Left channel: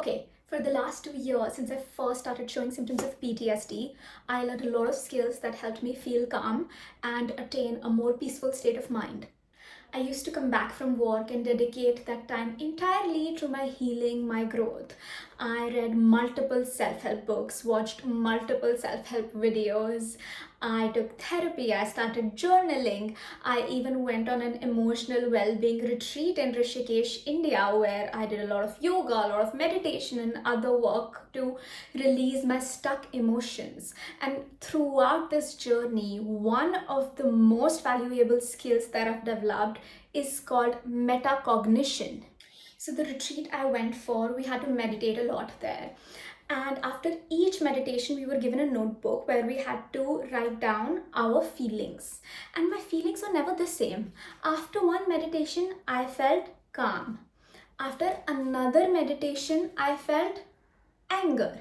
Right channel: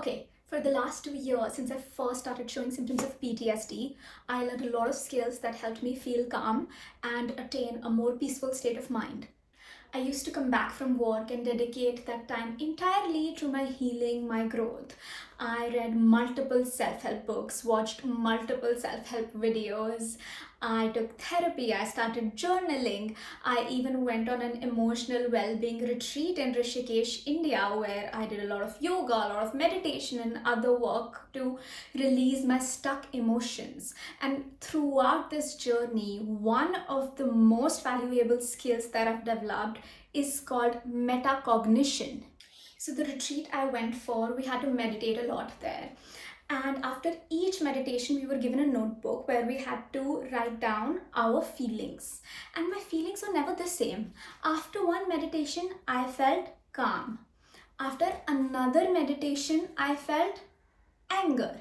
Okay, for the last 2 years, since I first started showing symptoms of PTSD, I learned a lot of skills that helped me feel calm and attain a more peaceful state of mind. I used to come back from work and dedicate that time entirely to my healing, my growth. I read multiple self help books, watched multiple self help videos. I took therapy, I started journaling. I even went on an emotional well being retreat in Rishikesh, India, where I did a lot of yoga, a lot of meditation, and other work to release my stuck emotions. And throughout this journey, one of the most valuable skills that I've developed is called metacognition. So, the retreat I went for, we had to meditate a lot there. And after each meditation, we were given a notebook where we had to write down our feelings. And my feelings were never the same. After one meditation, I felt calm. After another meditation, I felt anger.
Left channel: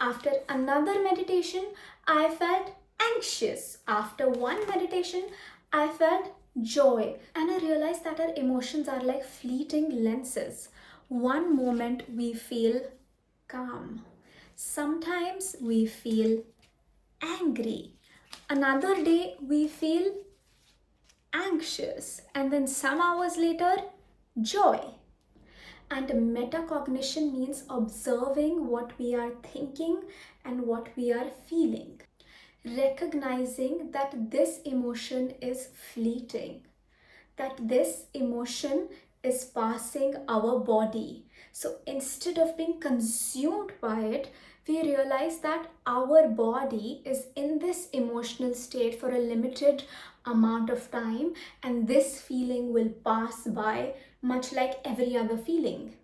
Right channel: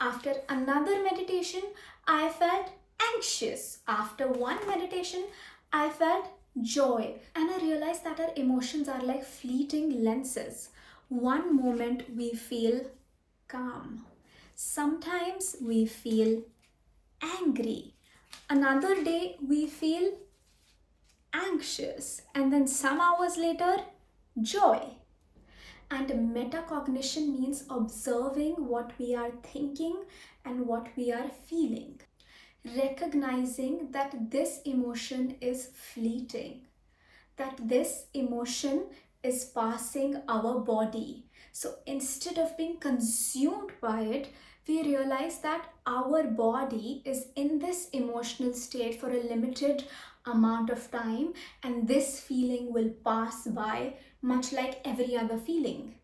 After another meditation, I felt anxious. After one meditation, I felt joy. And I realized that our emotions are like fleeting lenses. One moment we feel calm. Sometimes we feel angry. Another day we feel anxious. And then some hours later, joy. And metacognition means observing what we are thinking and what we are feeling. Recognizing that this emotion is fleeting, that this emotion is passing our body. So instead of being consumed by it, we realize that our body is in this emotional state for a limited amount of time, and this feeling will pass by much like every other feeling.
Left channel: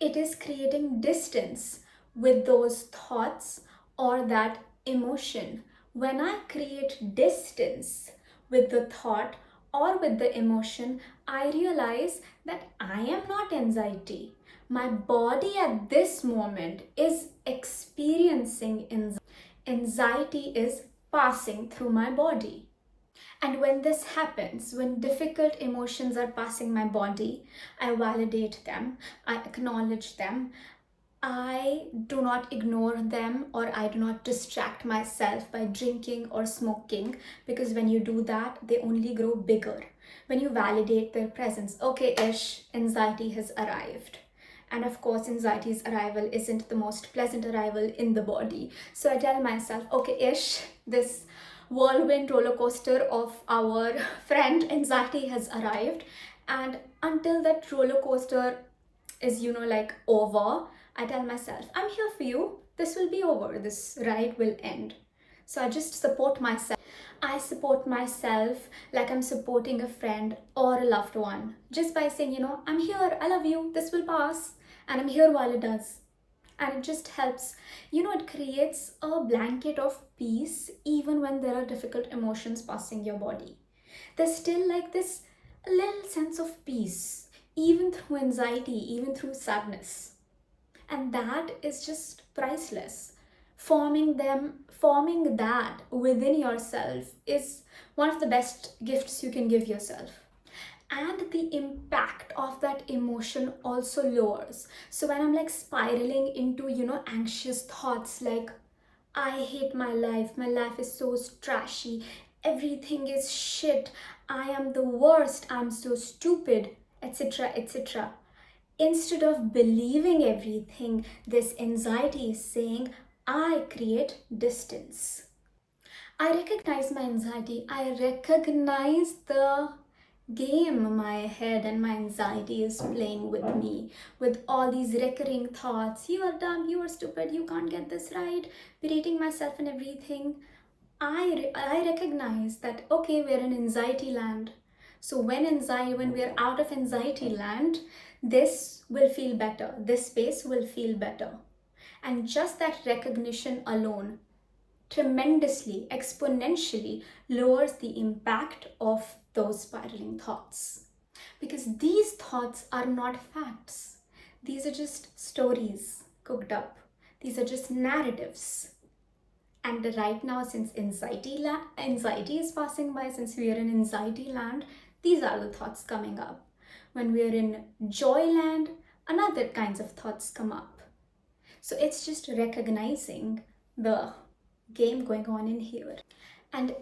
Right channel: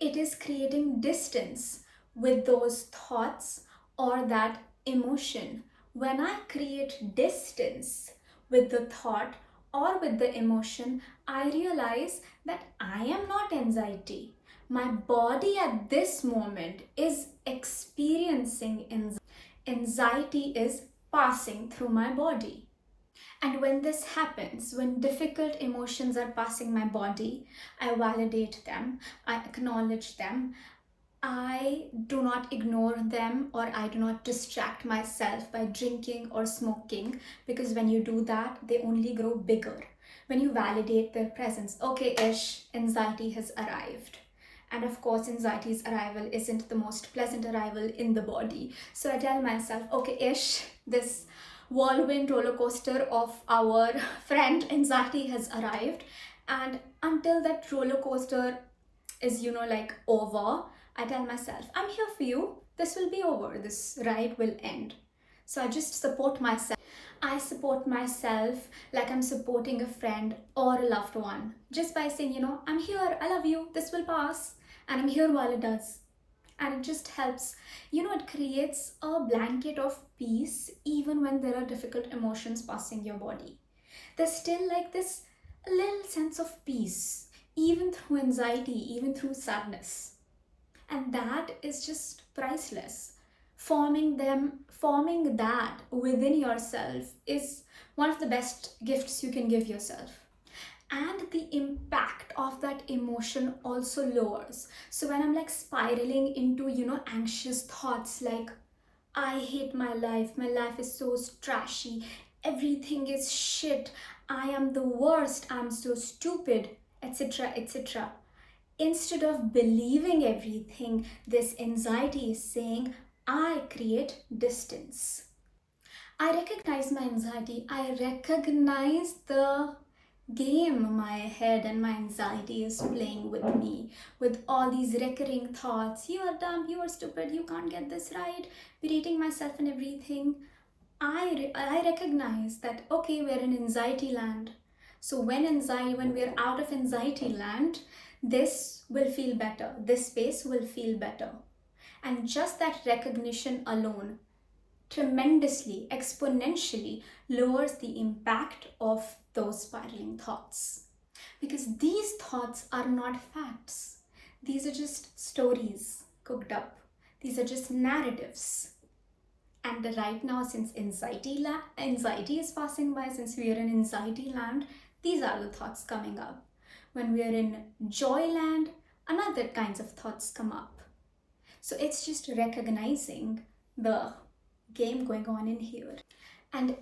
It is creating distance with those thoughts or that emotion. When I create distance with the thought or with the emotion, I realize that I am not anxiety. My body at this moment is experiencing anxiety. Anxiety is passing through my body. And when this happens, when difficult emotions are passing my body, I validate them, I acknowledge them, I do not ignore them, or I do not distract myself by drinking or smoking, because when you do that, they only grow bigger. When you validate their presence, okay, ish, anxiety has arrived. And of course, anxiety's arrival isn't the most pleasant arrival in the body. So I tell myself, okay, ish, this whirlwind roller coaster of our friend anxiety has arrived. And until that roller coaster is, like over, I tell myself, I'm here for you. This will be over. This ride will end. So I just support myself. I support myself like I'm supporting a friend or a loved one, just by saying, I'm here, I love you, this will pass, and I'm here while it does. And it just helps, it creates a blanket of peace even when there are difficult emotions passing your body. There's still like this little sense of peace, even through anxiety, even through sadness. And that is just priceless. Forming that within yourself is one of the best gifts you can give yourself. And the impact of that emotion also lowers. So when I'm like spiraling into, anxious thoughts like, I hate my life is so trashy, everything is shit, I am the worst, I'm so stupid, etc., etc. Instead of believing everything this anxiety is saying, I create distance. I recognize my anxiety. I recognize the game my head and my anxiety is playing with me, with all these recurring thoughts. You are dumb, you are stupid, you can't get this right, berating myself and everything. I recognize that, okay, we're in anxiety land. So when we're out of anxiety land, this will feel better. This space will feel better. And just that recognition alone tremendously, exponentially lowers the impact of those spiraling thoughts. Because these thoughts are not facts. These are just stories cooked up. These are just narratives. And right now, since anxiety is passing by, since we are in anxiety land, these are the thoughts coming up. When we are in joy land, another kinds of thoughts come up. So it's just recognizing the game going on in here. And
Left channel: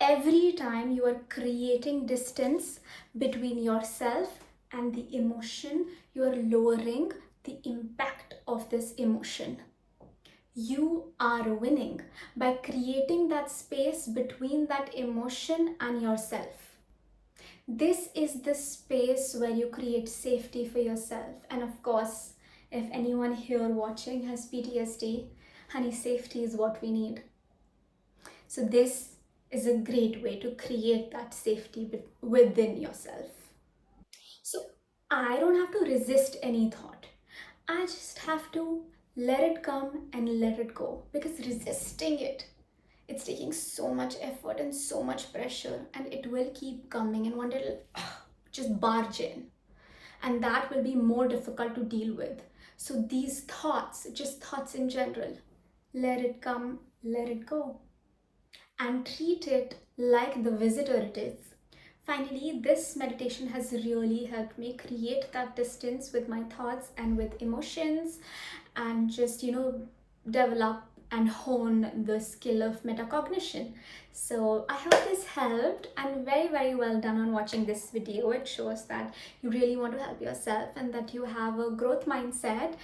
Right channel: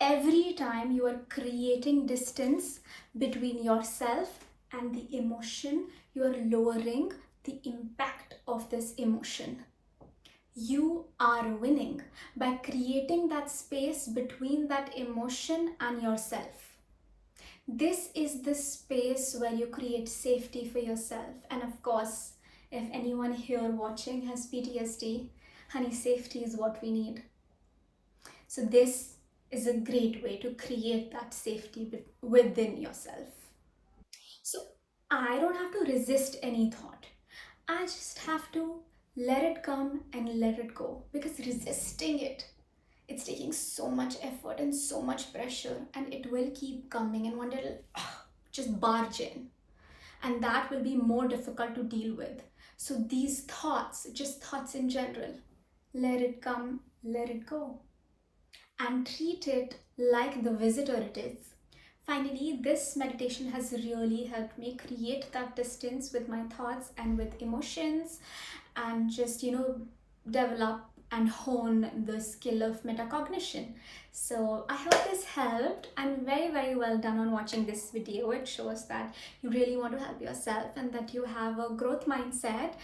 every time you are creating distance between yourself and the emotion, you are lowering the impact of this emotion. You are winning by creating that space between that emotion and yourself. This is the space where you create safety for yourself. And of course, if anyone here watching has PTSD, honey, safety is what we need. So this is a great way to create that safety within yourself. So I don't have to resist any thought. I just have to let it come and let it go, because resisting it's taking so much effort and so much pressure, and it will keep coming, and one day it'll just barge in, and that will be more difficult to deal with. So these thoughts, just thoughts in general, let it come, let it go, and treat it like the visitor it is. Finally, this meditation has really helped me create that distance with my thoughts and with emotions, and just, develop and hone the skill of metacognition. So I hope this helped, and very, very well done on watching this video. It shows that you really want to help yourself and that you have a growth mindset